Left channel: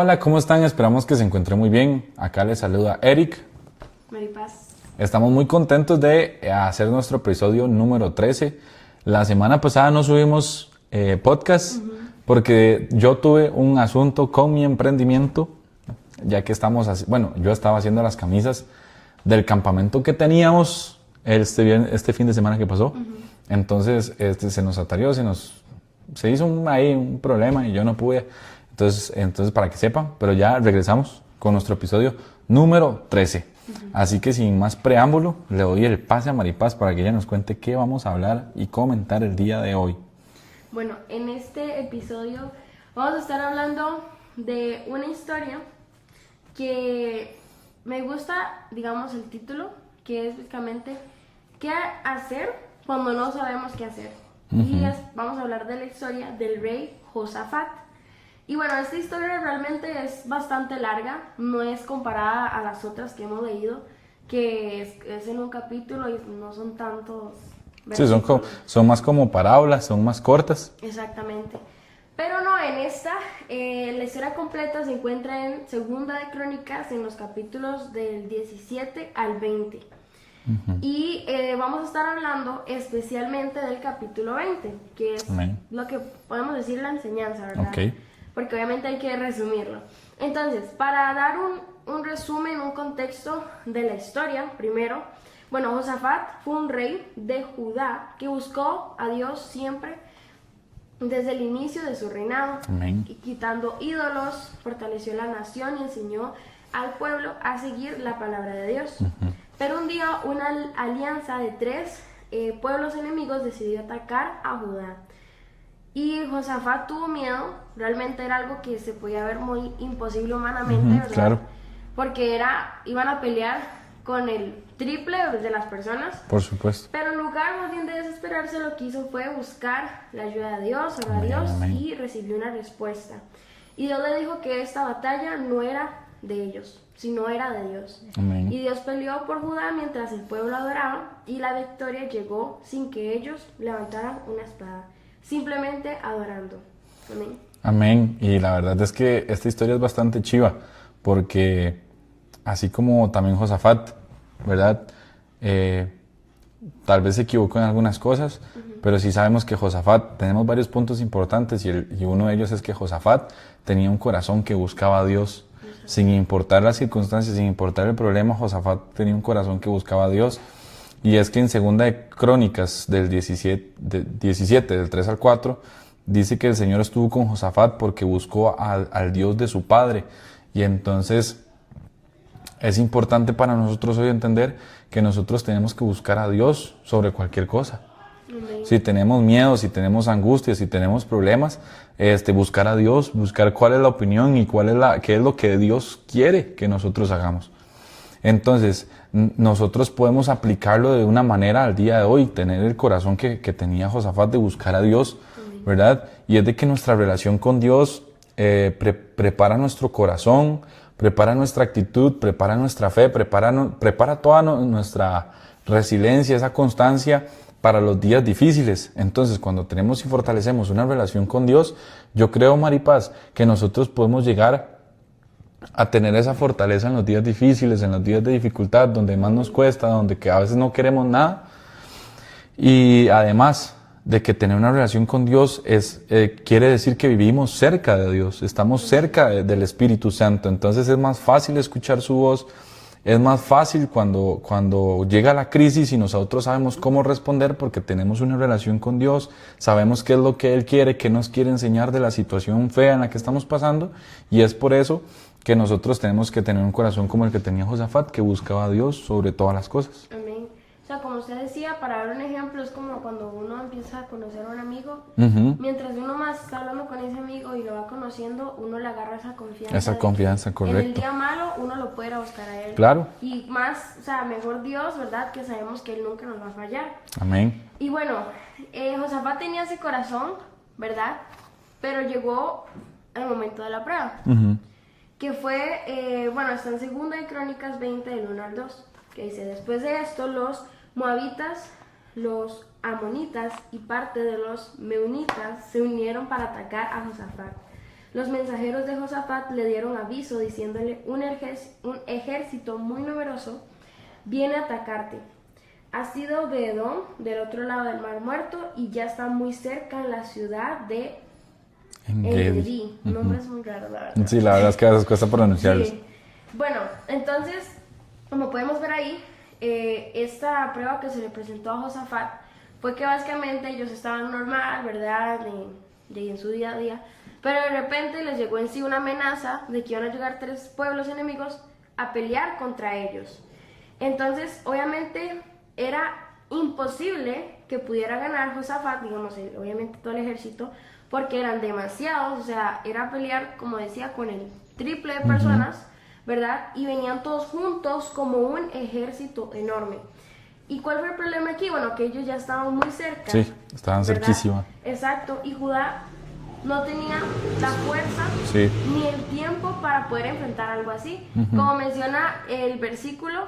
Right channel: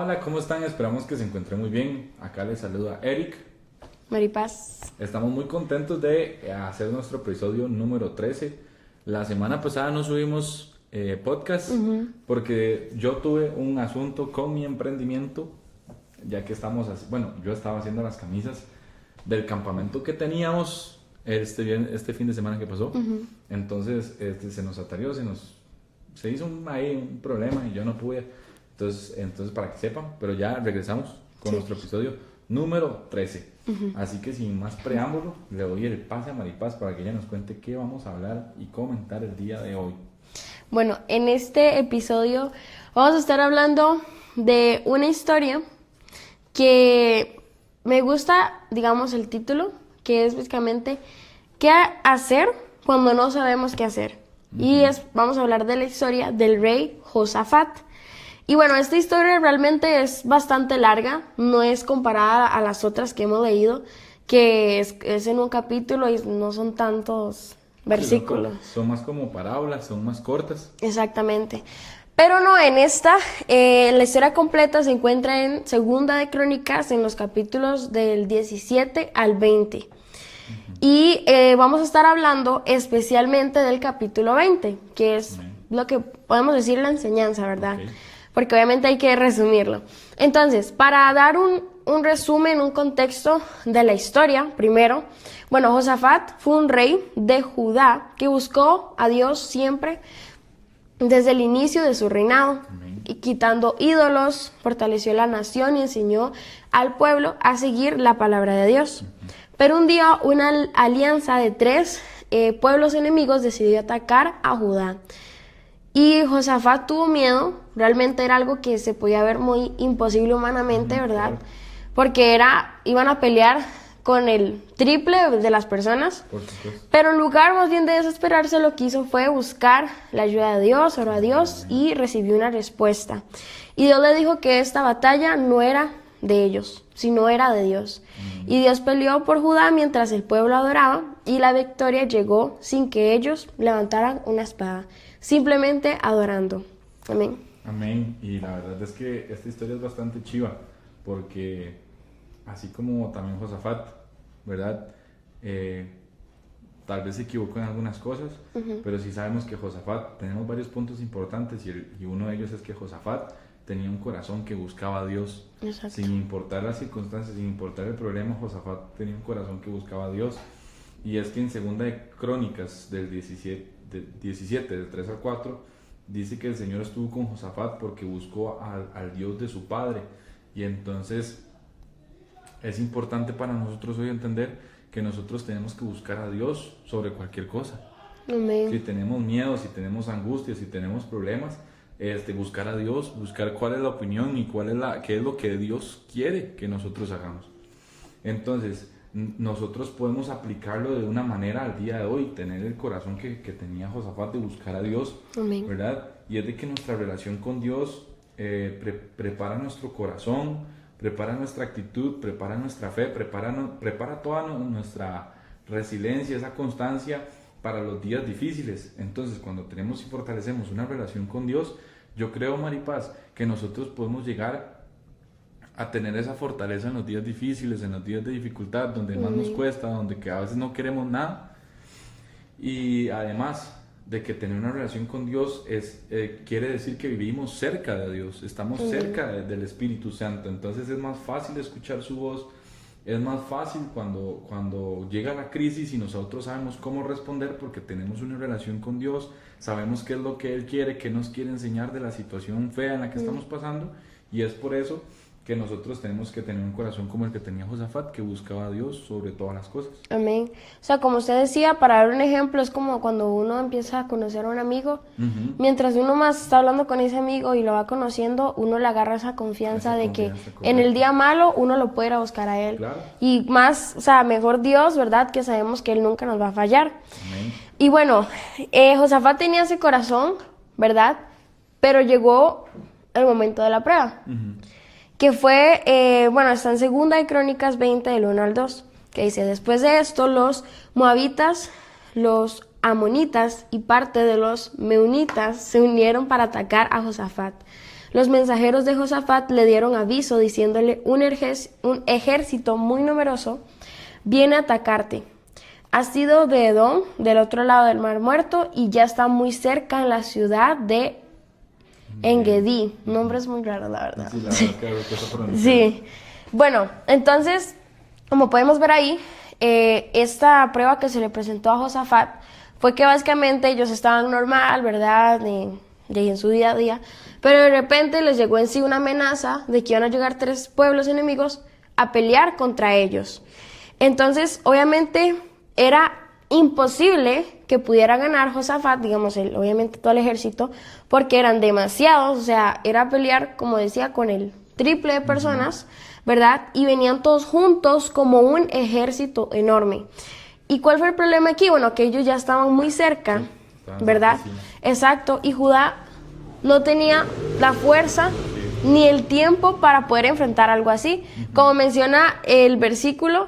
Hola, ¿cómo están? Esperamos que se encuentren muy bien. Acá les saluda Eric. Maripaz. Estamos muy contentos de hacer nuestro episodio número 13. La semana pasada no subimos podcast porque yo tuve un asunto con mi emprendimiento, ya que yo estaba haciendo las camisas del campamento que teníamos este fin de semana que pasó. Entonces se nos atarió, se hizo un problema y yo no pude. Entonces, para que sepan, pero ya regresamos con nuestro episodio número 13. Así que sin más preámbulo, le doy el pase a Maripaz para que ella nos cuente qué vamos a hablar y comentar el día de hoy. Bueno, en este episodio vamos a estar hablando de una historia que me gusta, digamos, el título, que es básicamente ¿qué hacer cuando no sabemos qué hacer? Vamos a hablar de la historia del rey Josafat. Y bueno, esta historia realmente es bastante larga, no es comparada a las otras que hemos leído, que es en un capítulo y no son tantos versículos. Sí, son más como parábolas, son más cortas. Exactamente. Pero no, en esta, la historia completa se encuentra en Segunda de Crónicas, en los capítulos del 17 al 20. Y vamos a estar hablando especialmente del capítulo 20, que es lo que podemos decir la enseñanza, ¿verdad? Okay. Porque obviamente hay que resumirlo. Entonces, para dar un resumen, un contexto de la historia, primero, bueno, Josafat fue un rey de Judá que buscó a Dios siempre desde el inicio de su reinado. Amén. Y quitando ídolos, fortaleció la nación y enseñó al pueblo a seguir la palabra de Dios. Pero un día una alianza de tres pueblos enemigos decidió atacar a Judá. Y Josafat tuvo miedo, realmente era algo que se podía ver muy imposible humanamente, ¿verdad? Claro. Porque iban a pelear con el triple de las personas. Por supuesto. Pero en lugar más bien de desesperarse, lo que hizo fue buscar la ayuda de Dios, oró a Dios y recibió una respuesta. Y Dios le dijo que esta batalla no era de ellos, sino era de Dios. Amén. Y Dios peleó por Judá mientras el pueblo adoraba y la victoria llegó sin que ellos levantaran una espada, simplemente adorando. Amén. Amén. Y la verdad es que esta historia es bastante chiva, porque así como también Josafat, ¿verdad? Tal vez se equivocó en algunas cosas, pero sí sabemos que Josafat, tenemos varios puntos importantes y uno de ellos es que Josafat tenía un corazón que buscaba a Dios. Exacto. Sin importar las circunstancias, sin importar el problema, Josafat tenía un corazón que buscaba a Dios. Y es que en Segunda de Crónicas del 17, del 3 al 4, dice que el Señor estuvo con Josafat porque buscó al Dios de su padre. Y entonces es importante para nosotros hoy entender que nosotros tenemos que buscar a Dios sobre cualquier cosa. Amén. Si tenemos miedo, si tenemos angustia, si tenemos problemas, buscar a Dios, buscar cuál es la opinión y qué es lo que Dios quiere que nosotros hagamos. Entonces, nosotros podemos aplicarlo de una manera al día de hoy, tener el corazón que tenía Josafat de buscar a Dios, Amén. ¿verdad? Y es de que nuestra relación con Dios prepara nuestro corazón, prepara nuestra actitud, prepara nuestra fe, prepara toda nuestra resiliencia, esa constancia para los días difíciles. Entonces, cuando tenemos y fortalecemos una relación con Dios, yo creo, Maripaz, que nosotros podemos llegar a tener esa fortaleza en los días difíciles, en los días de dificultad, donde más nos cuesta, donde que a veces no queremos nada. Y además de que tener una relación con Dios quiere decir que vivimos cerca de Dios, estamos cerca del Espíritu Santo. Entonces es más fácil escuchar su voz, es más fácil cuando llega la crisis y nosotros sabemos cómo responder porque tenemos una relación con Dios, sabemos qué es lo que Él quiere, qué nos quiere enseñar de la situación fea en la que estamos pasando, y es por eso que nosotros tenemos que tener un corazón como el que tenía Josafat, que buscaba a Dios sobre todas las cosas. Amén. O sea, como usted decía, para dar un ejemplo, es como cuando uno empieza a conocer a un amigo. Mientras uno más está hablando con ese amigo y lo va conociendo, uno le agarra esa confianza que en el día malo uno lo puede ir a buscar a él. Claro. Y más, o sea, mejor Dios, ¿verdad? Que sabemos que Él nunca nos va a fallar. Amén. Y bueno, Josafat tenía ese corazón, ¿verdad? Pero llegó el momento de la prueba. Que fue, está en Segunda de Crónicas 20, del 1 al 2, que dice: después de esto, los moabitas, los amonitas y parte de los meunitas se unieron para atacar a Josafat. los mensajeros de Josafat le dieron aviso diciéndole: un ejército muy numeroso viene a atacarte. Ha sido de Edom, del otro lado del Mar Muerto, y ya está muy cerca en la ciudad de Engedi. Nombre es muy raro, la verdad. Sí, la verdad es que a veces cuesta pronunciarlos. Sí. Bueno, entonces, como podemos ver ahí, esta prueba que se le presentó a Josafat fue que básicamente ellos estaban normal, ¿verdad? En su día a día, pero de repente les llegó en sí una amenaza de que iban a llegar 3 pueblos enemigos a pelear contra ellos. Entonces, obviamente, era imposible que pudiera ganar Josafat, digamos, obviamente todo el ejército, porque eran demasiados, o sea, era pelear, como decía, con el triple de personas, ¿verdad? Y venían todos juntos como un ejército enorme. ¿Y cuál fue el problema aquí? Bueno, que ellos ya estaban muy cerca, Sí, estaban ¿verdad? cerquísimos. Exacto, y Judá no tenía la fuerza Sí. ni el tiempo para poder enfrentar algo así. Como menciona el versículo,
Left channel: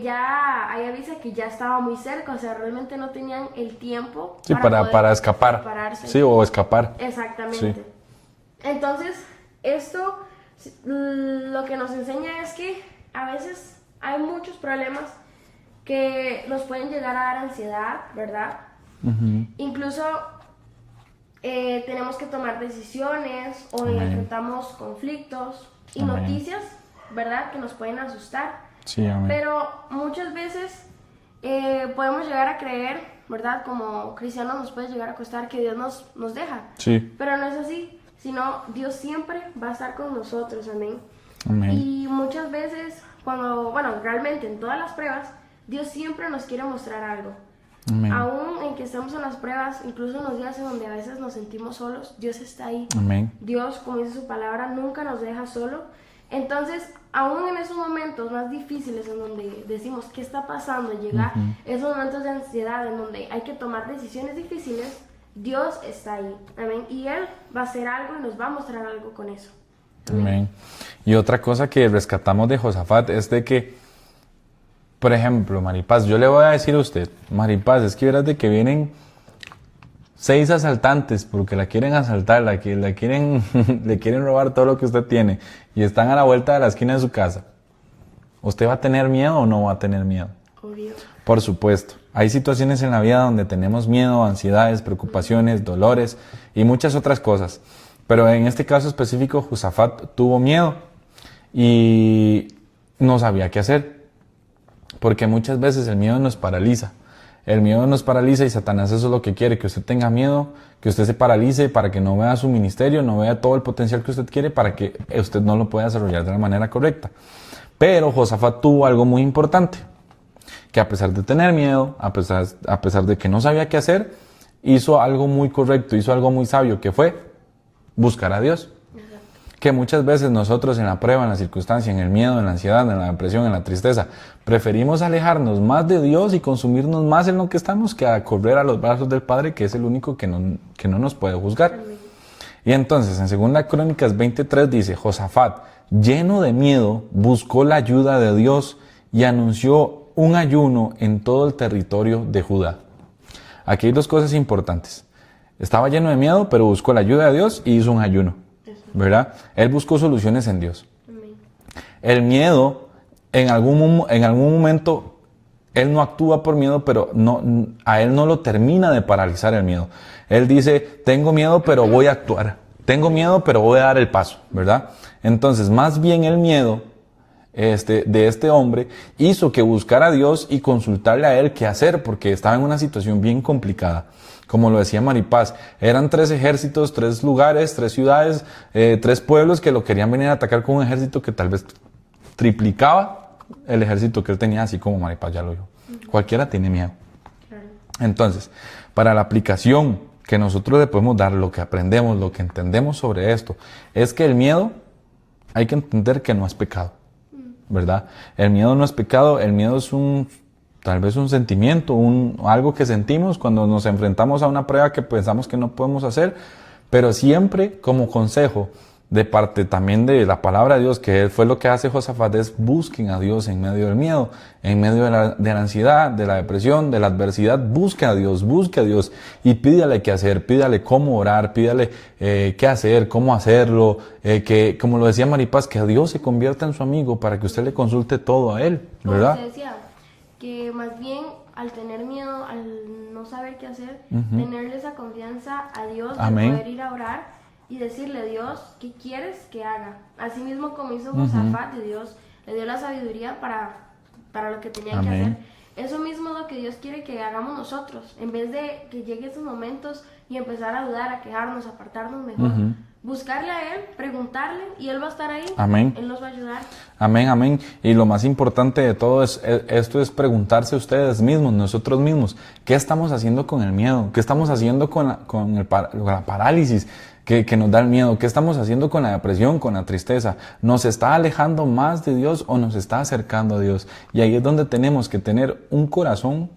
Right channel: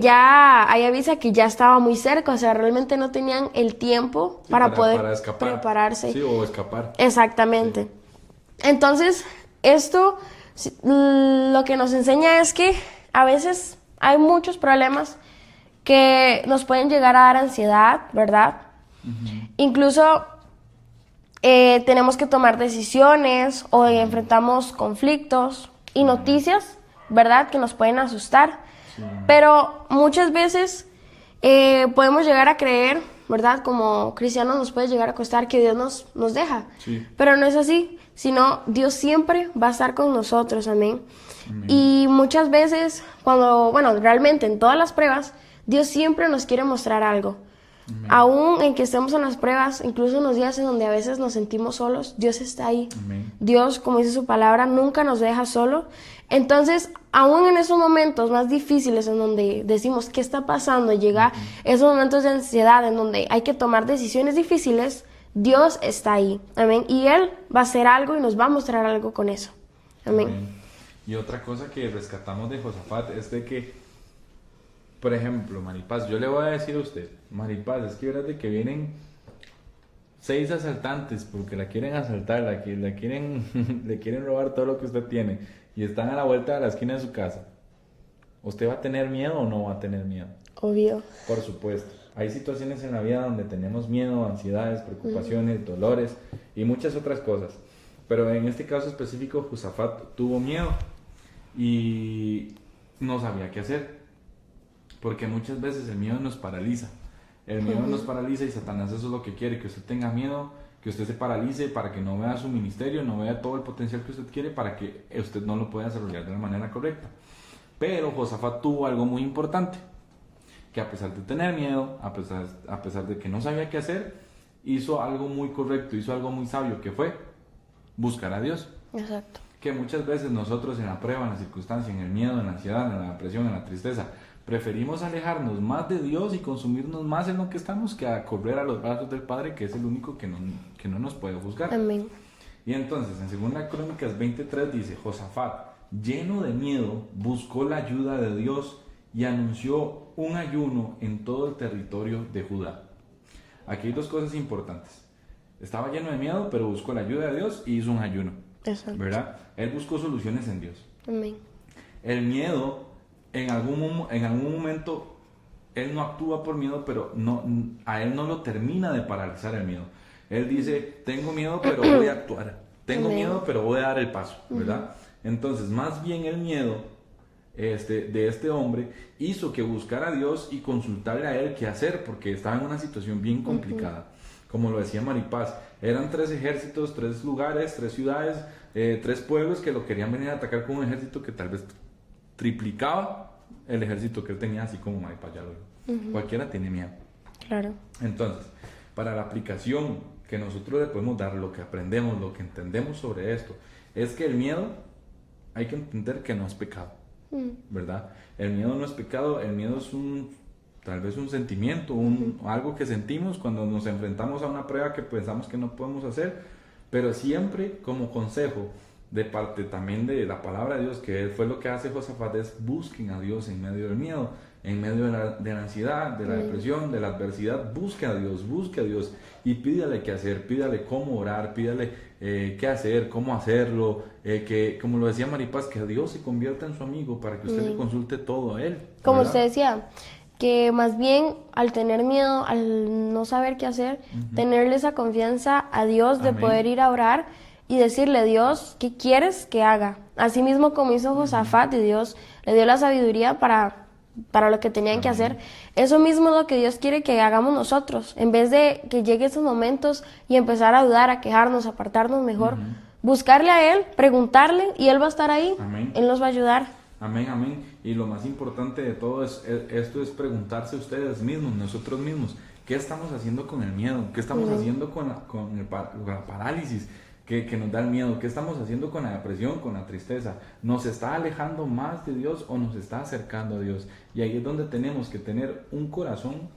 ya ahí avisa que ya estaba muy cerca, o sea, realmente no tenían el tiempo Sí, poder para escapar. prepararse. Sí, o escapar. Exactamente. Entonces, esto lo que nos enseña es que a veces hay muchos problemas que nos pueden llegar a dar ansiedad, ¿verdad? Incluso tenemos que tomar decisiones o enfrentamos conflictos y noticias, ¿verdad? Que nos pueden asustar. Sí, amén. Pero muchas veces podemos llegar a creer, ¿verdad? Como cristianos nos puede llegar a costar que Dios nos deja. Sí. Pero no es así, sino Dios siempre va a estar con nosotros, amén. Amén. Y muchas veces, realmente en todas las pruebas, Dios siempre nos quiere mostrar algo. Amén. Aún en que estemos en las pruebas, incluso en los días en donde a veces nos sentimos solos, Dios está ahí. Amén. Dios, como dice su palabra, nunca nos deja solo. Entonces, aún en esos momentos más difíciles en donde decimos qué está pasando, llega esos momentos de ansiedad en donde hay que tomar decisiones difíciles, Dios está ahí. Amén. Y Él va a hacer algo y nos va a mostrar algo con eso. Amén. Amén. Y otra cosa que rescatamos de Josafat es de que, por ejemplo, Maripaz, yo le voy a decir a usted, Maripaz, es que verás de que vienen 6 asaltantes porque la quieren asaltar, le quieren robar todo lo que usted tiene y están a la vuelta de la esquina de su casa. ¿Usted va a tener miedo o no va a tener miedo? Obvio. Por supuesto. Hay situaciones en la vida donde tenemos miedo, ansiedades, preocupaciones, dolores y muchas otras cosas. Pero en este caso específico, Josafat tuvo miedo y no sabía qué hacer. Porque muchas veces el miedo nos paraliza. El miedo nos paraliza y Satanás eso es lo que quiere, que usted tenga miedo, que usted se paralice para que no vea su ministerio, no vea todo el potencial que usted quiere para que usted no lo pueda desarrollar de la manera correcta. Pero Josafat tuvo algo muy importante, que a pesar de tener miedo, a pesar de que no sabía qué hacer, hizo algo muy correcto, hizo algo muy sabio, que fue buscar a Dios. Exacto. Que muchas veces nosotros en la prueba, en la circunstancia, en el miedo, en la ansiedad, en la depresión, en la tristeza, preferimos alejarnos más de Dios y consumirnos más en lo que estamos que a correr a los brazos del Padre, que es el único que no nos puede juzgar. Amén. Y entonces, en 2 Crónicas 23 dice, Josafat, lleno de miedo, buscó la ayuda de Dios y anunció un ayuno en todo el territorio de Judá. Aquí hay 2 cosas importantes. Estaba lleno de miedo, pero buscó la ayuda de Dios y hizo un ayuno. Exacto. ¿Verdad? Él buscó soluciones en Dios. Amén. El miedo, en algún momento, él no actúa por miedo, pero a él no lo termina de paralizar el miedo. Él dice, tengo miedo, pero voy a actuar. Tengo miedo, pero voy a dar el paso, ¿verdad? Entonces, más bien el miedo de este hombre hizo que buscara a Dios y consultarle a él qué hacer, porque estaba en una situación bien complicada. Como lo decía Maripaz, eran 3 ejércitos, 3 lugares, 3 ciudades, 3 pueblos que lo querían venir a atacar con un ejército que tal vez triplicaba el ejército que él tenía, así como Maripaz ya lo dijo. Cualquiera tiene miedo. Claro. Entonces, para la aplicación que nosotros le podemos dar, lo que aprendemos, lo que entendemos sobre esto, es que el miedo hay que entender que no es pecado, ¿verdad? El miedo no es pecado, el miedo es tal vez un sentimiento, algo que sentimos cuando nos enfrentamos a una prueba que pensamos que no podemos hacer, pero siempre como consejo de parte también de la palabra de Dios, que fue lo que hace Josafat, es busquen a Dios en medio del miedo, en medio de la ansiedad, de la depresión, de la adversidad. Busque a Dios y pídale qué hacer, pídale cómo orar, pídale qué hacer, cómo hacerlo, que como lo decía Maripaz, que a Dios se convierta en su amigo para que usted le consulte todo a Él, Como ¿verdad? usted decía, que más bien al tener miedo, al no saber qué hacer, tenerle esa confianza a Dios de Amén. poder ir a orar y decirle, Dios, ¿qué quieres que haga? Así mismo como hizo Josafat, y Dios le dio la sabiduría para lo que tenían que Amén. hacer. Eso mismo es lo que Dios quiere que hagamos nosotros. En vez de que lleguen esos momentos y empezar a dudar, a quejarnos, a apartarnos mejor, buscarle a Él, preguntarle, y Él va a estar ahí. Amén. Él nos va a ayudar. Amén, amén. Y lo más importante de todo esto es preguntarse a ustedes mismos, nosotros mismos, ¿qué estamos haciendo con el miedo? ¿Qué estamos haciendo con la parálisis que nos da el miedo? ¿Qué estamos haciendo con la depresión, con la tristeza? ¿Nos está alejando más de Dios o nos está acercando a Dios? Y ahí es donde tenemos que tener un corazón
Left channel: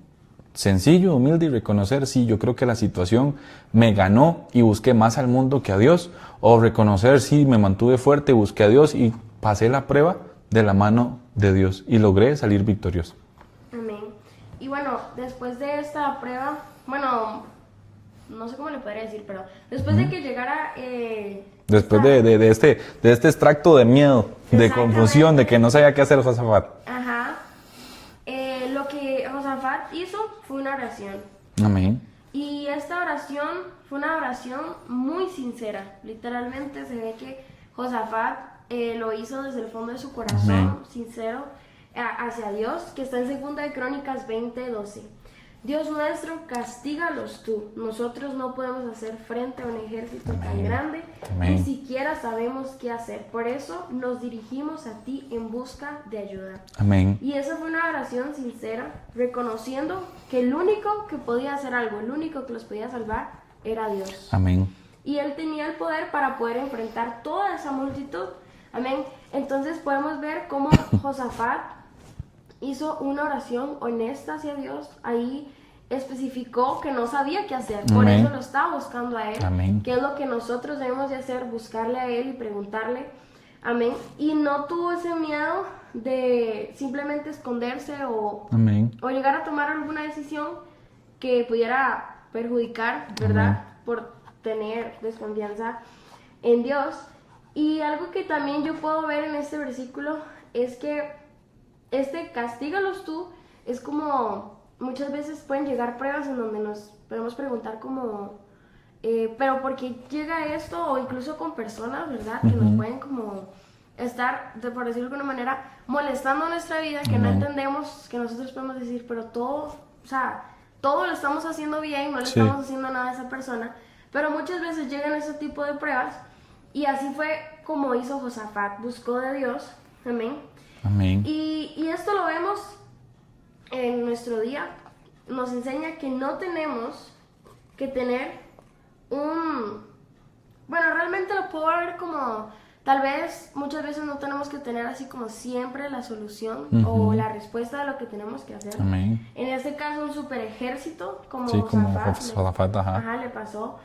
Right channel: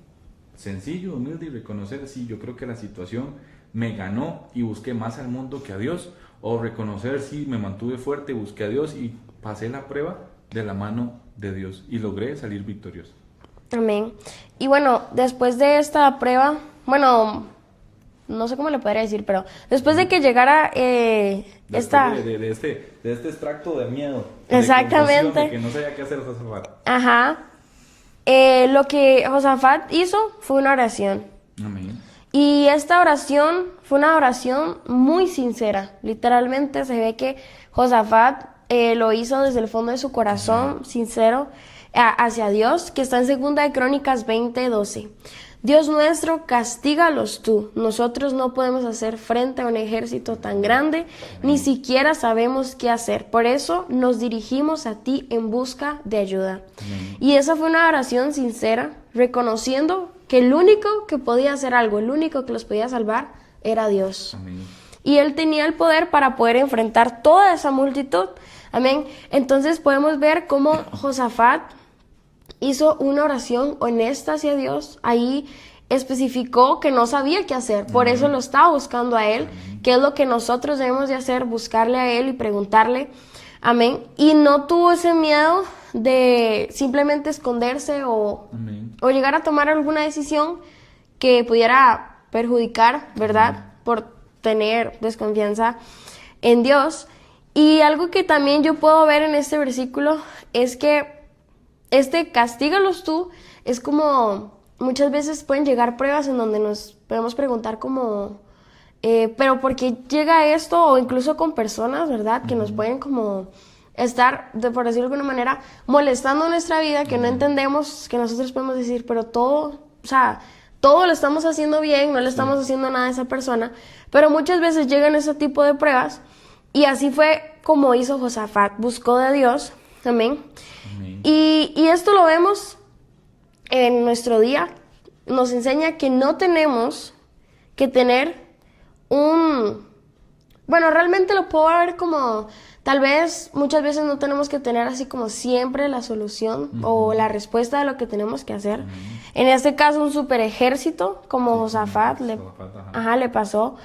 sencillo, humilde y reconocer, sí, yo creo que la situación me ganó y busqué más al mundo que a Dios. O reconocer, sí, me mantuve fuerte, busqué a Dios y pasé la prueba de la mano de Dios y logré salir victorioso. Amén. Y bueno, después de esta prueba, bueno, no sé cómo le podría decir, pero después de que llegara Después de este extracto de miedo, de Exactamente. confusión, de que no sabía qué hacer Josafat. Ajá. Lo que Josafat hizo fue una oración. Amén. Y esta oración fue una oración muy sincera. Literalmente se ve que Josafat lo hizo desde el fondo de su corazón, sincero, hacia Dios, que está en 2 de Crónicas 20:12. Dios nuestro, castígalos tú. Nosotros no podemos hacer frente a un ejército tan grande, ni siquiera sabemos qué hacer. Por eso nos dirigimos a ti en busca de ayuda. Amén. Y esa fue una oración sincera, reconociendo que el único que podía hacer algo, el único que los podía salvar, era Dios. Amén. Y Él tenía el poder para poder enfrentar toda esa multitud. Amén. Entonces podemos ver cómo Josafat hizo una oración honesta hacia Dios. Ahí especificó que no sabía qué hacer. Por Amén. eso lo estaba buscando a Él. Amén. ¿Qué es lo que nosotros debemos de hacer? Buscarle a Él y preguntarle. Amén. Y no tuvo ese miedo de simplemente esconderse Amén. o llegar a tomar alguna decisión que pudiera perjudicar, ¿verdad? Por tener desconfianza en Dios. Y algo que también yo puedo ver en este versículo es que castígalos tú, es como muchas veces pueden llegar pruebas en donde nos podemos preguntar como, pero ¿por qué llega esto? O incluso con personas, ¿verdad? Que nos pueden como estar, por decirlo de alguna manera, molestando nuestra vida, que no entendemos, que nosotros podemos decir, pero todo, o sea, todo lo estamos haciendo bien, no le estamos haciendo nada a esa persona, pero muchas veces llegan ese tipo de pruebas, y así fue como hizo Josafat, buscó de Dios. Amén. Amén. Y esto lo vemos en nuestro día. Nos enseña que no tenemos que tener bueno, realmente lo puedo ver como, tal vez muchas veces no tenemos que tener así como siempre la solución o la respuesta de lo que tenemos que hacer. Amén. En este caso, un super ejército como Sí, Josafat, como Josafat, le pasó.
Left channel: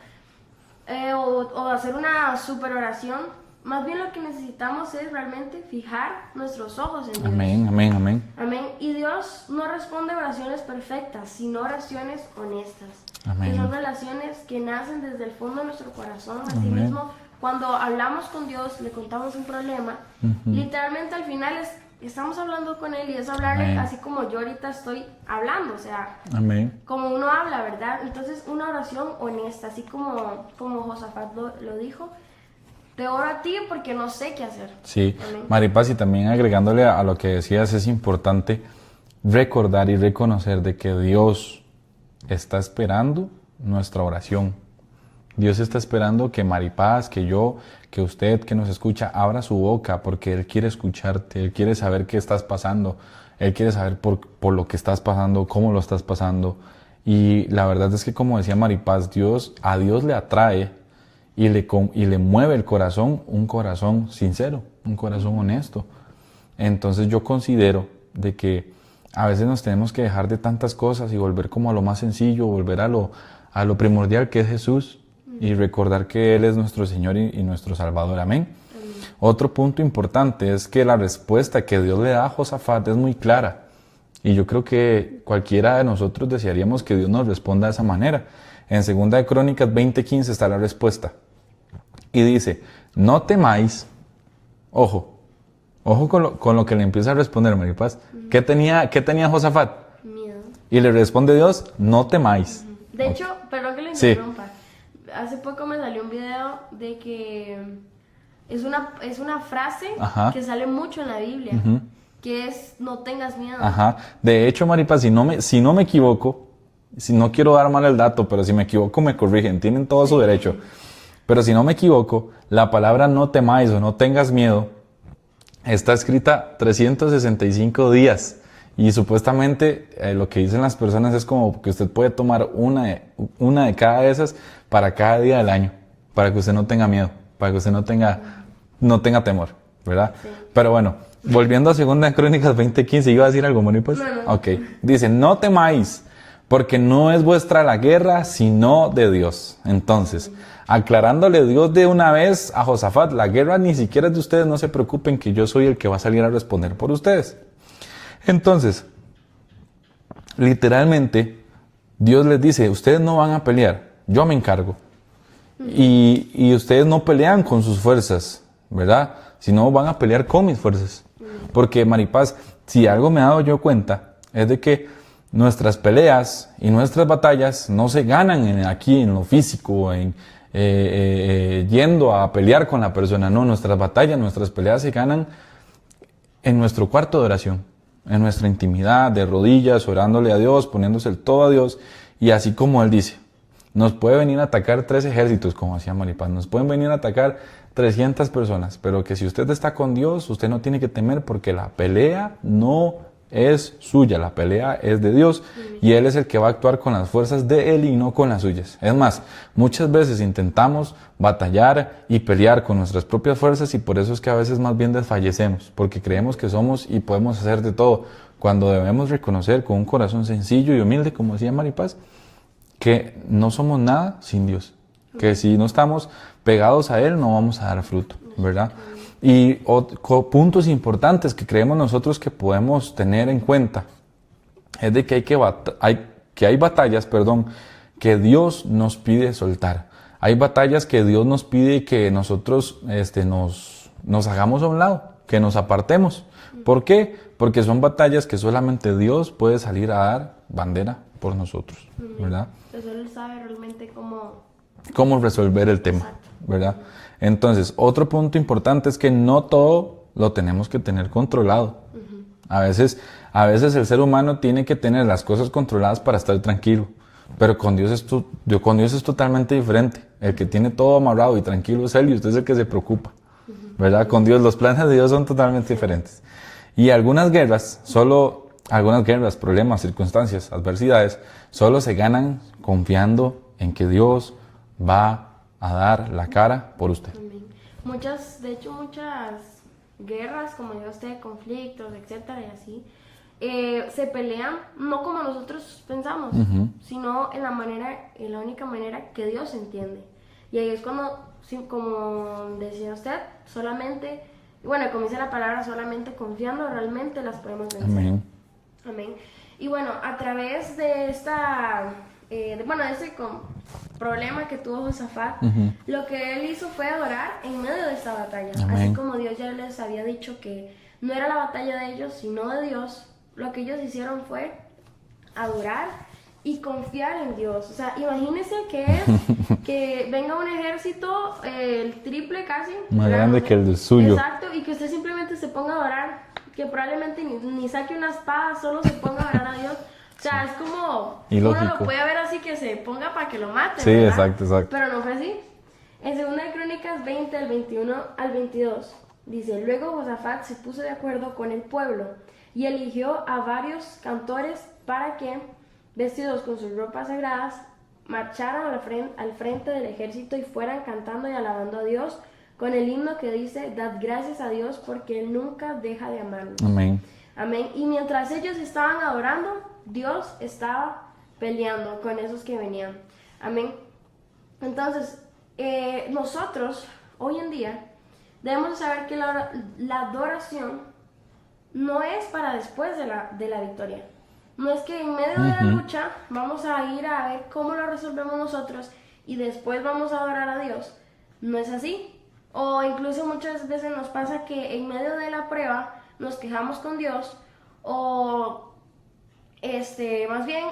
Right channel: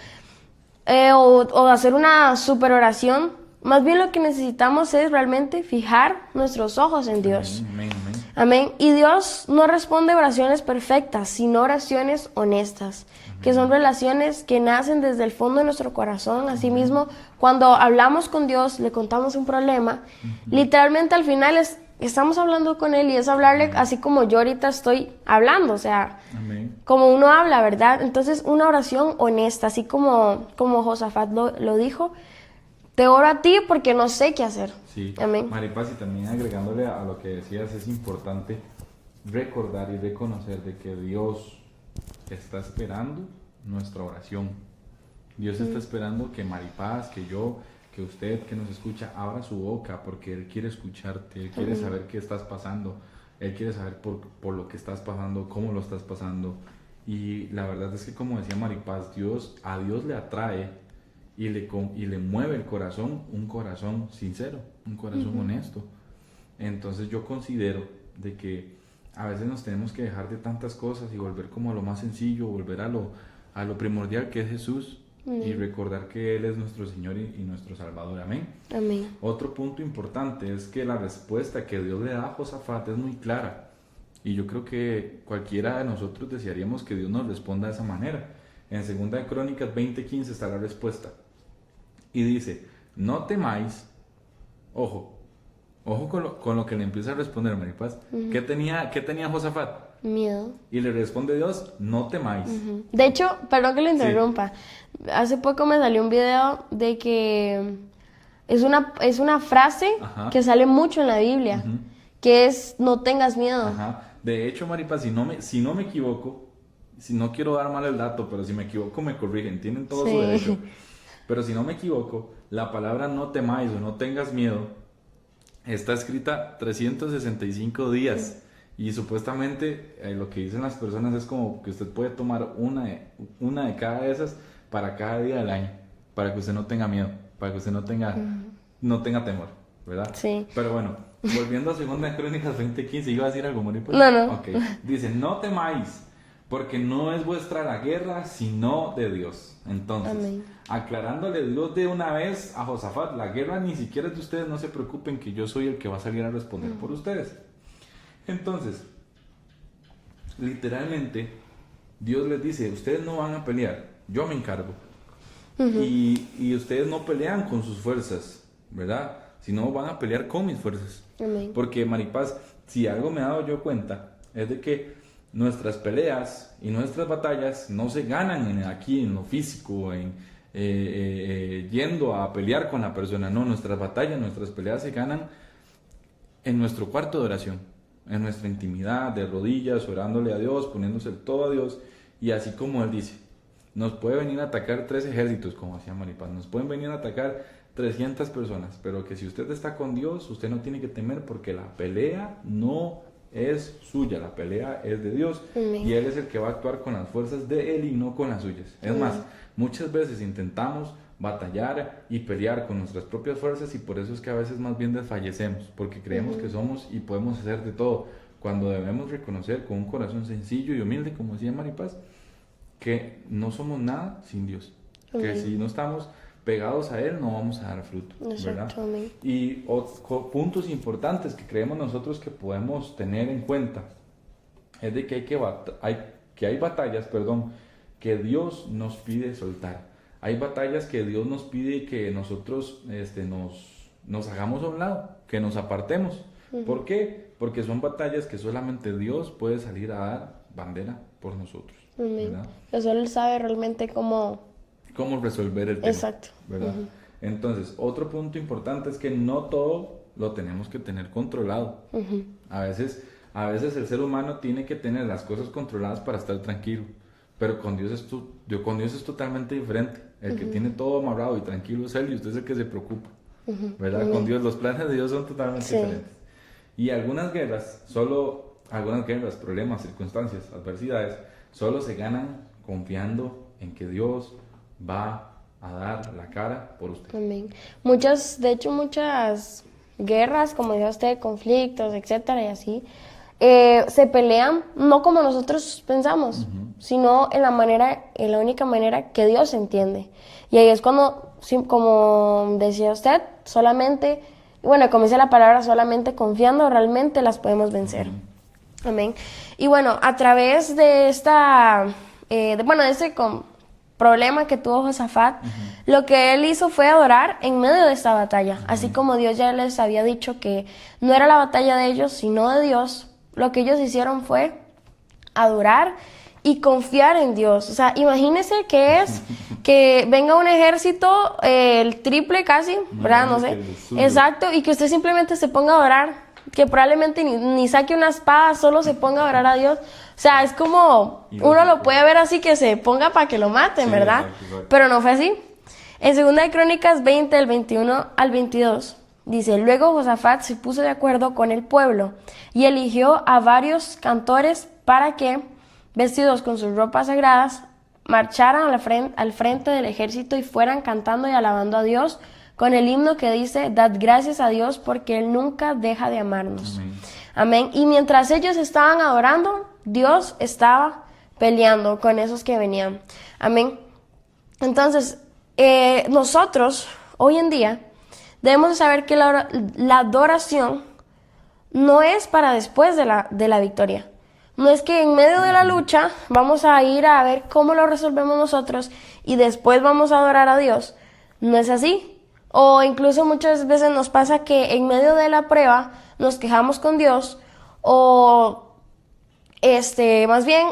O hacer una super oración. Más bien lo que necesitamos es realmente fijar nuestros ojos en Dios. Amén, amén, amén. Amén. Y Dios no responde oraciones perfectas, sino oraciones honestas, Amén. que son relaciones que nacen desde el fondo de nuestro corazón. Asimismo, cuando hablamos con Dios, le contamos un problema, literalmente al final estamos hablando con Él y es hablarle Amén. así como yo ahorita estoy hablando, o sea, Amén. como uno habla, ¿verdad? Entonces, una oración honesta, así como Josafat lo dijo. Te oro a ti porque no sé qué hacer. Sí, Amén. Maripaz, y también agregándole a lo que decías, es importante recordar y reconocer de que Dios está esperando nuestra oración. Dios está esperando que Maripaz, que yo, que usted que nos escucha, abra su boca porque Él quiere escucharte, Él quiere saber qué estás pasando, Él quiere saber por lo que estás pasando, cómo lo estás pasando. Y la verdad es que, como decía Maripaz, a Dios le atrae y le mueve el corazón, un corazón sincero, un corazón honesto. Entonces yo considero de que a veces nos tenemos que dejar de tantas cosas y volver como a lo más sencillo, volver a lo primordial que es Jesús. y recordar que Él es nuestro Señor y nuestro Salvador. Amén. Amén. Otro punto importante es que la respuesta que Dios le da a Josafat es muy clara. Y yo creo que cualquiera de nosotros desearíamos que Dios nos responda de esa manera. En 2 de Crónicas 20:15 está la respuesta. Y dice, no temáis, ojo con lo que le empieza a responder Maripaz. ¿Qué tenía Josafat? Miedo. Y le responde Dios, no temáis. De hecho, perdón que le Sí. interrumpa. Hace poco me salió un video de que es una frase Ajá. que sale mucho en la Biblia, que es no tengas miedo. Ajá. De hecho, Maripaz, si no me equivoco, si no quiero dar mal el dato, pero si me equivoco me corrigen, tienen todo su Sí. derecho. Pero si no me equivoco, la palabra no temáis o no tengas miedo está escrita 365 días. Y supuestamente lo que dicen las personas es como que usted puede tomar una de cada de esas para cada día del año, para que usted no tenga miedo, para que usted no tenga temor, ¿verdad? Sí. Pero bueno, volviendo a 2 de Crónicas 20:15, ¿iba a decir algo, Moni? Pues? No. Ok, dice, no temáis, porque no es vuestra la guerra, sino de Dios. Entonces, aclarándole Dios de una vez a Josafat, la guerra ni siquiera es de ustedes, no se preocupen que yo soy el que va a salir a responder por ustedes. Entonces, literalmente, Dios les dice, ustedes no van a pelear, yo me encargo. Y ustedes no pelean con sus fuerzas, ¿verdad? Sino van a pelear con mis fuerzas. Porque, Maripaz, si algo me he dado yo cuenta, es de que nuestras peleas y nuestras batallas no se ganan aquí en lo físico, yendo a pelear con la persona. No, nuestras batallas, nuestras peleas se ganan en nuestro cuarto de oración, en nuestra intimidad, de rodillas, orándole a Dios, poniéndose el todo a Dios. Y así como Él dice, nos puede venir a atacar 3 ejércitos, como hacía Maripaz, nos pueden venir a atacar 300 personas, pero que si usted está con Dios, usted no tiene que temer porque la pelea no es suya, la pelea es de Dios. Y Él es el que va a actuar con las fuerzas de Él y no con las suyas. Es más, muchas veces intentamos batallar y pelear con nuestras propias fuerzas y por eso es que a veces más bien desfallecemos, porque creemos que somos y podemos hacer de todo, cuando debemos reconocer con un corazón sencillo y humilde, como decía Maripaz, que no somos nada sin Dios, que si no estamos pegados a Él no vamos a dar fruto, ¿verdad? Y puntos importantes que creemos nosotros que podemos tener en cuenta es de que hay batallas, que Dios nos pide soltar. Hay batallas que Dios nos pide que nosotros nos hagamos a un lado, que nos apartemos. ¿Por qué? Porque son batallas que solamente Dios puede salir a dar bandera por nosotros, ¿verdad? Pues solo Él sabe realmente cómo resolver el tema, Exacto. ¿verdad? Entonces, otro punto importante es que no todo lo tenemos que tener controlado. A veces el ser humano tiene que tener las cosas controladas para estar tranquilo, pero con Dios es totalmente diferente. El que tiene todo amarrado y tranquilo es Él y usted es el que se preocupa, ¿verdad? Con Dios, los planes de Dios son totalmente diferentes. Y algunas guerras, problemas, circunstancias, adversidades, solo se ganan confiando en que Dios va a dar la cara por usted. Amén. Muchas guerras, como dijo usted, conflictos, etcétera, y así, se pelean no como nosotros pensamos, sino en la única manera que Dios entiende. Y ahí es cuando, como decía usted, solamente, como dice la palabra, solamente confiando realmente las podemos vencer. Amén. Y bueno, a través de este problema que tuvo Josafat, lo que él hizo fue adorar en medio de esta batalla. Así como Dios ya les había dicho que no era la batalla de ellos, sino de Dios, lo que ellos hicieron fue adorar y confiar en Dios. O sea, imagínense que es que venga un ejército, el triple casi, ¿verdad? No sé. Que el suyo. Exacto, y que usted simplemente se ponga a orar, que probablemente ni saque una espada, solo se ponga a orar a Dios. O sea, es como, uno lo puede ver así, que se ponga para que lo maten, sí, ¿verdad? Exacto. Pero no fue así. En 2 de Crónicas 20, del 21 al 22, dice, luego Josafat se puso de acuerdo con el pueblo y eligió a varios cantores para que, vestidos con sus ropas sagradas, marcharan al frente del ejército y fueran cantando y alabando a Dios con el himno que dice, dad gracias a Dios porque Él nunca deja de amarnos. Amén. Amén. Y mientras ellos estaban adorando, Dios estaba peleando con esos que venían. Amén. Entonces, nosotros, hoy en día, debemos saber que la adoración no es para después de la victoria. No es que en medio de la lucha vamos a ir a ver cómo lo resolvemos nosotros y después vamos a adorar a Dios. No es así. O incluso muchas veces nos pasa que en medio de la prueba nos quejamos con Dios o más bien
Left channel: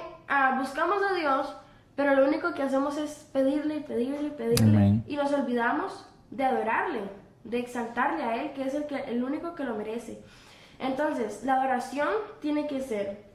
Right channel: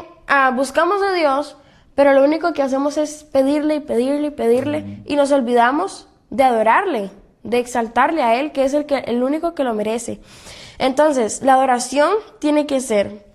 buscamos a Dios, pero lo único que hacemos es pedirle y pedirle y pedirle. Amén. Y nos olvidamos de adorarle, de exaltarle a Él, que es el único que lo merece. Entonces, la adoración tiene que ser,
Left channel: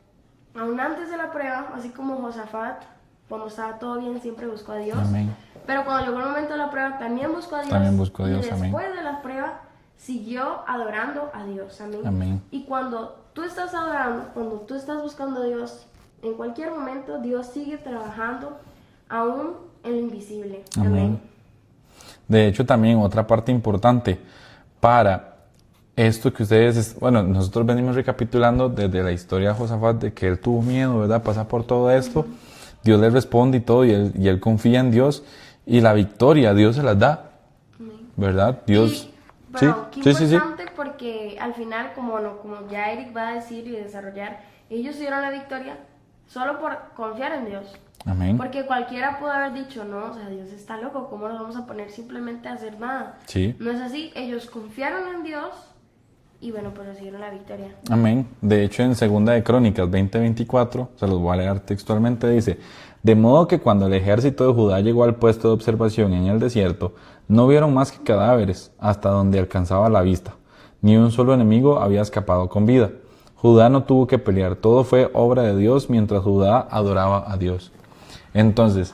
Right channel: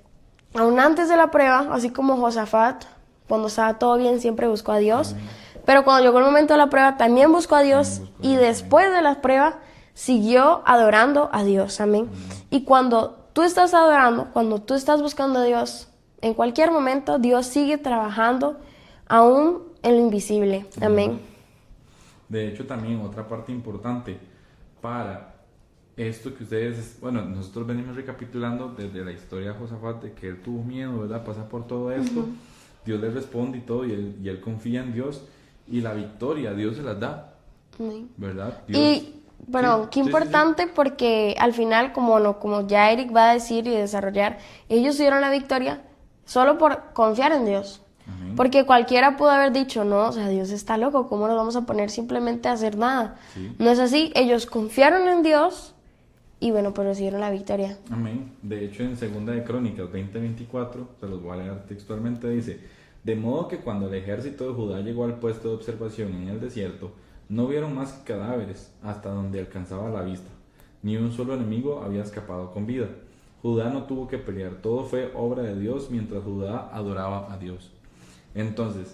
aún antes de la prueba, así como Josafat, cuando estaba todo bien, siempre buscó a Dios. Amén. Pero cuando llegó el momento de la prueba, también buscó a Dios. También buscó a Y Dios, después de la prueba, siguió adorando a Dios. Amén. Amén. Y cuando tú estás adorando, cuando tú estás buscando a Dios, en cualquier momento, Dios sigue trabajando aún en lo invisible. Amén. De hecho, también otra parte importante para esto que ustedes, bueno, nosotros venimos recapitulando desde la historia de Josafat, de que él tuvo miedo, ¿verdad? Pasa por todo esto, Dios le responde y todo, y él confía en Dios, y la victoria Dios se las da, ¿verdad? Dios... Pero Sí, qué sí, sí, sí. importante porque al final, como ya Eric va a decir y desarrollar, ellos tuvieron la victoria solo por confiar en Dios. Amén. Porque cualquiera pudo haber dicho, no, o sea, Dios está loco, ¿cómo nos vamos a poner simplemente a hacer nada? Sí. No es así, ellos confiaron en Dios y bueno, pues recibieron la victoria. Amén. De hecho, en Segunda de Crónicas 20:24, se los voy a leer textualmente, dice: de modo que cuando el ejército de Judá llegó al puesto de observación en el desierto, no vieron más que cadáveres hasta donde alcanzaba la vista. Ni un solo enemigo había escapado con vida. Judá no tuvo que pelear, todo fue obra de Dios mientras Judá adoraba a Dios. Entonces,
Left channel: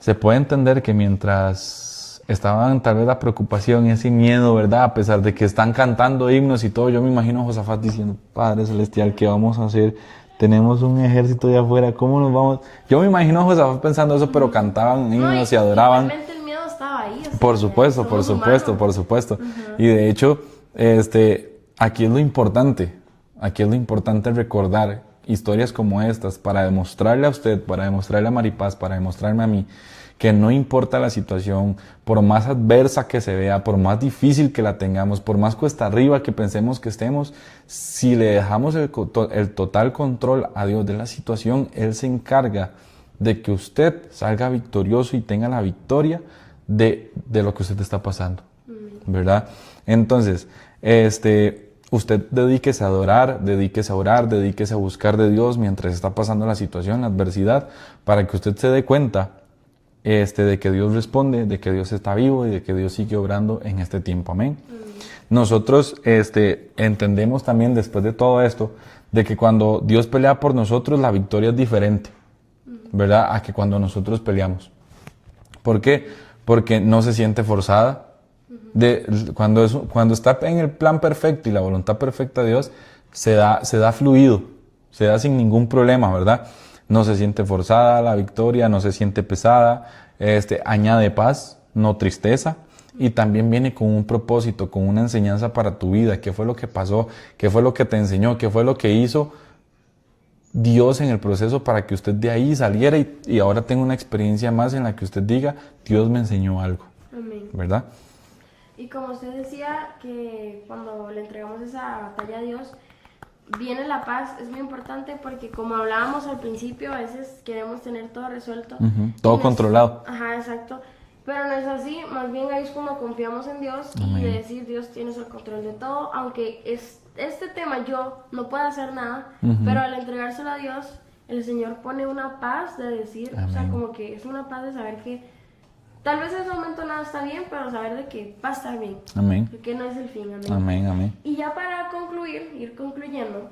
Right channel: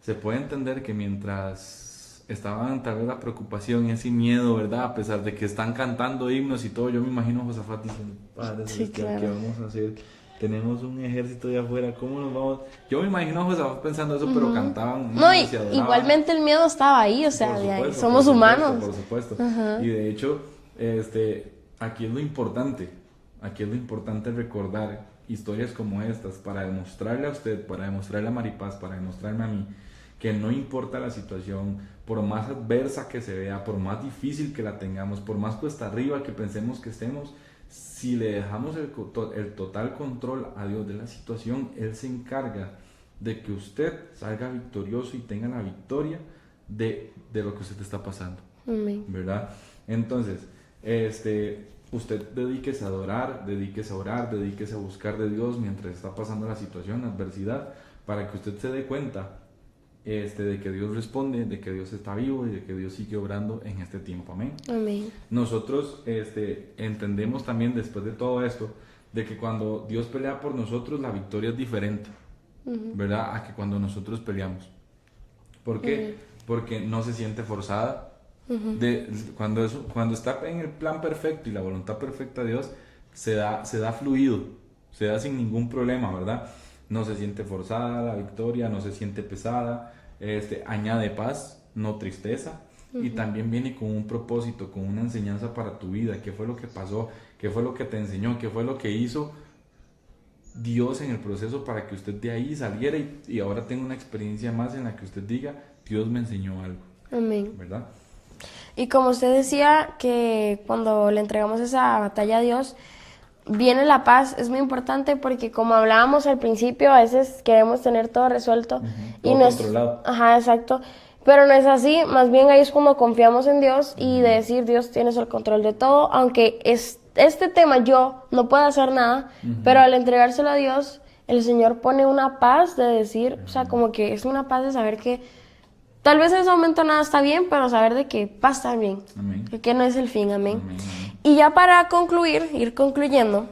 se puede entender que mientras estaban tal vez la preocupación y ese miedo, ¿verdad? A pesar de que están cantando himnos y todo, yo me imagino a Josafat diciendo: Padre Celestial, claro. ¿qué vamos a hacer? Tenemos un ejército de afuera, ¿cómo nos vamos? Yo me imagino a Josafat pensando eso, pero cantaban himnos No, y adoraban. igualmente el miedo estaba ahí, o sea, Por supuesto, por somos supuesto, humanos. por supuesto. Y de hecho, aquí es lo importante recordar historias como estas para demostrarle a usted, para demostrarle a Maripaz, para demostrarme a mí, que no importa la situación, por más adversa que se vea, por más difícil que la tengamos, por más cuesta arriba que pensemos que estemos, si le dejamos el total control a Dios de la situación, Él se encarga de que usted salga victorioso y tenga la victoria de lo que usted está pasando. Amén. ¿Verdad? Entonces, usted dedíquese a adorar, dedíquese a orar, dedíquese a buscar de Dios mientras está pasando la situación, la adversidad, para que usted se dé cuenta de que Dios responde, de que Dios está vivo y de que Dios sigue obrando en este tiempo. Amén. Amén. Nosotros entendemos también después de todo esto, de que cuando Dios pelea por nosotros, la victoria es diferente, ¿verdad? A que cuando nosotros peleamos. ¿Por qué? Porque no se siente forzada. Cuando está en el plan perfecto y la voluntad perfecta de Dios, se da fluido, se da sin ningún problema, ¿verdad? No se siente forzada la victoria, no se siente pesada, añade paz, no tristeza, y también viene con un propósito, con una enseñanza para tu vida. ¿Qué fue lo que pasó? ¿Qué fue lo que te enseñó? ¿Qué fue lo que hizo Dios en el proceso para que usted de ahí saliera y ahora tenga una experiencia más en la que usted diga: Dios me enseñó algo, Amén. ¿verdad? Y como usted decía, que cuando le entregamos esa batalla a Dios, viene la paz. Es muy importante porque, como hablábamos al principio, a veces queremos tener todo resuelto. Todo controlado. Ajá, exacto. Pero no es así. Más bien ahí es cuando confiamos en Dios y de decir: Dios, tienes el control de todo. Aunque este tema yo no puedo hacer nada, pero al entregárselo a Dios, el Señor pone una paz de decir, o sea, como que es una paz de saber que tal vez en ese momento nada está bien, pero saber de que va a estar bien. Amén. Que no es el fin, amén. Amén, amén. Y ya para concluir, ir concluyendo,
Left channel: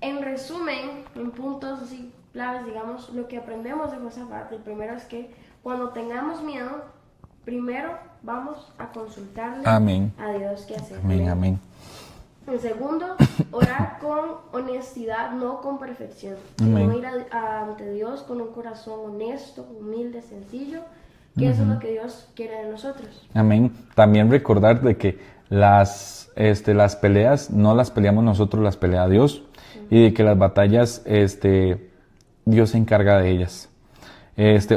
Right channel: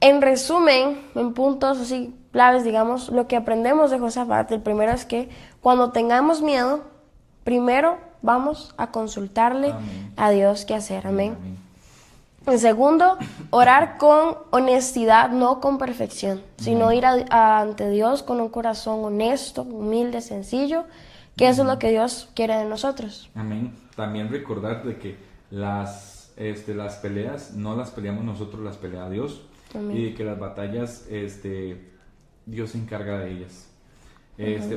en resumen, en puntos así claves, digamos, lo que aprendemos de Josafat, el primero es que cuando tengamos miedo, primero vamos a consultarle Amén. a Dios qué hacer, Amén, amén. amén. En segundo, orar con honestidad, no con perfección, sino Amén. ir ante Dios con un corazón honesto, humilde, sencillo, que eso es lo que Dios quiere de nosotros. Amén. También recordar de que las peleas no las peleamos nosotros, las pelea Dios. Y de que las batallas, Dios se encarga de ellas.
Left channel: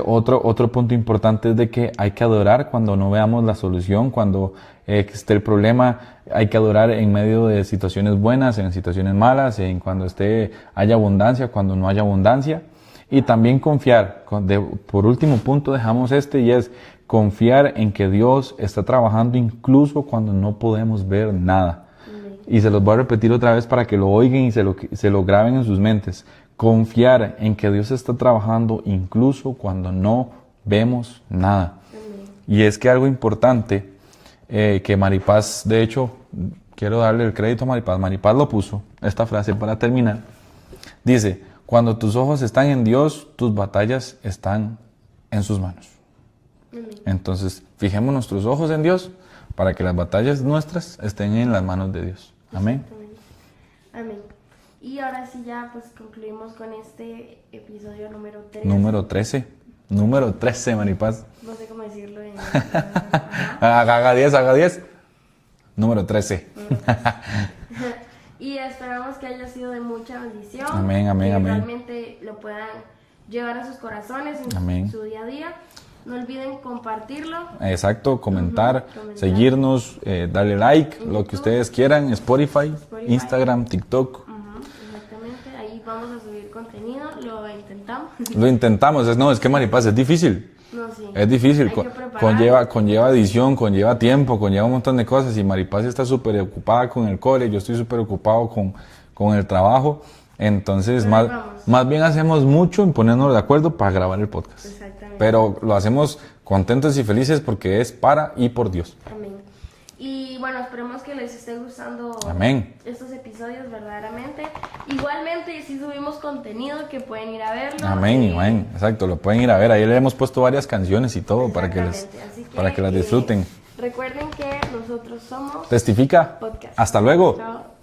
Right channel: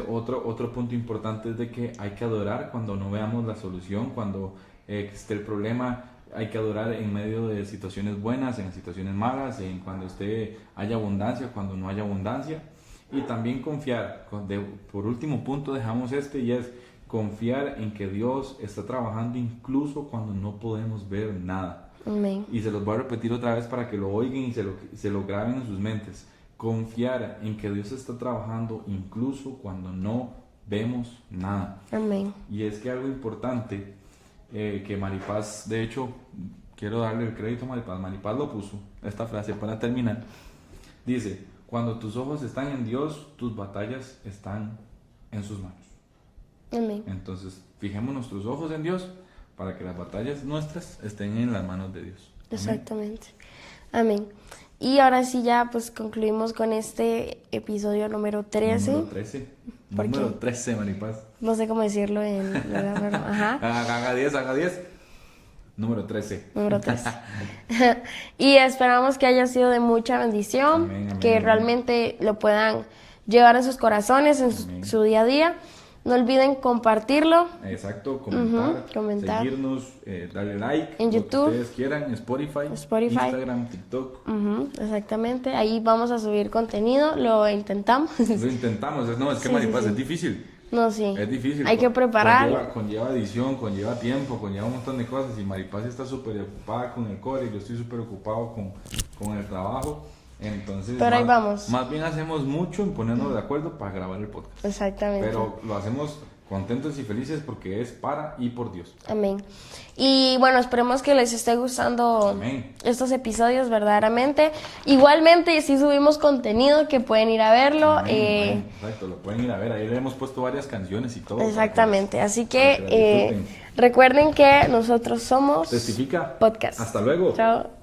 Otro punto importante es de que hay que adorar cuando no veamos la solución, cuando esté el problema. Hay que adorar en medio de situaciones buenas, en situaciones malas, cuando haya abundancia, cuando no haya abundancia. Y también confiar. Por último punto dejamos y es confiar en que Dios está trabajando incluso cuando no podemos ver nada. Amén. Y se los voy a repetir otra vez para que lo oigan y se lo graben en sus mentes. Confiar en que Dios está trabajando incluso cuando no vemos nada. Amén. Y es que algo importante que Maripaz, de hecho, quiero darle el crédito a Maripaz. Maripaz lo puso, esta frase para terminar. Dice, cuando tus ojos están en Dios, tus batallas están en sus manos. Amén. Entonces, fijemos nuestros ojos en Dios para que las batallas nuestras estén en las manos de Dios. Amén. Exactamente. Amén. Y ahora sí ya pues concluimos con este episodio número 13. Número 13. Número 13, Maripaz. No sé cómo decirlo en... Ajá. Haga 10. Número 13. Número 13. Y esperamos que haya sido de mucha bendición. Amén, amén, que amén. realmente lo puedan llevar en sus corazones, en Amén. su día a día. No olviden compartirlo. Exacto, comentar, comentar. seguirnos, darle like, En lo que YouTube. ustedes quieran, Spotify, Spotify. Instagram, TikTok. Exactamente. Ahí vamos a subir contenido. Lo intentamos. Lo intentamos, es que Maripaz es difícil. No, sí. Es difícil. Hay que preparar. Conlleva edición, conlleva tiempo, conlleva un montón de cosas. Y Maripaz está súper ocupada con el cole, yo estoy súper ocupado con el trabajo. Entonces, Pero ahí vamos. más bien hacemos mucho en ponernos de acuerdo para grabar el podcast. Exactamente. Pero lo hacemos contentos y felices porque es para y por Dios. Amén. Y bueno, esperemos que les esté gustando Amén. estos episodios verdaderamente. Igualmente, si subimos contenido que pueden ir a verlo. Amén. Exacto, lo pueden ir a ver. Ahí le hemos puesto varias canciones y todo Exactamente. Así que para que las disfruten. recuerden que nosotros somos Testifica. Podcast. Hasta luego. Chao.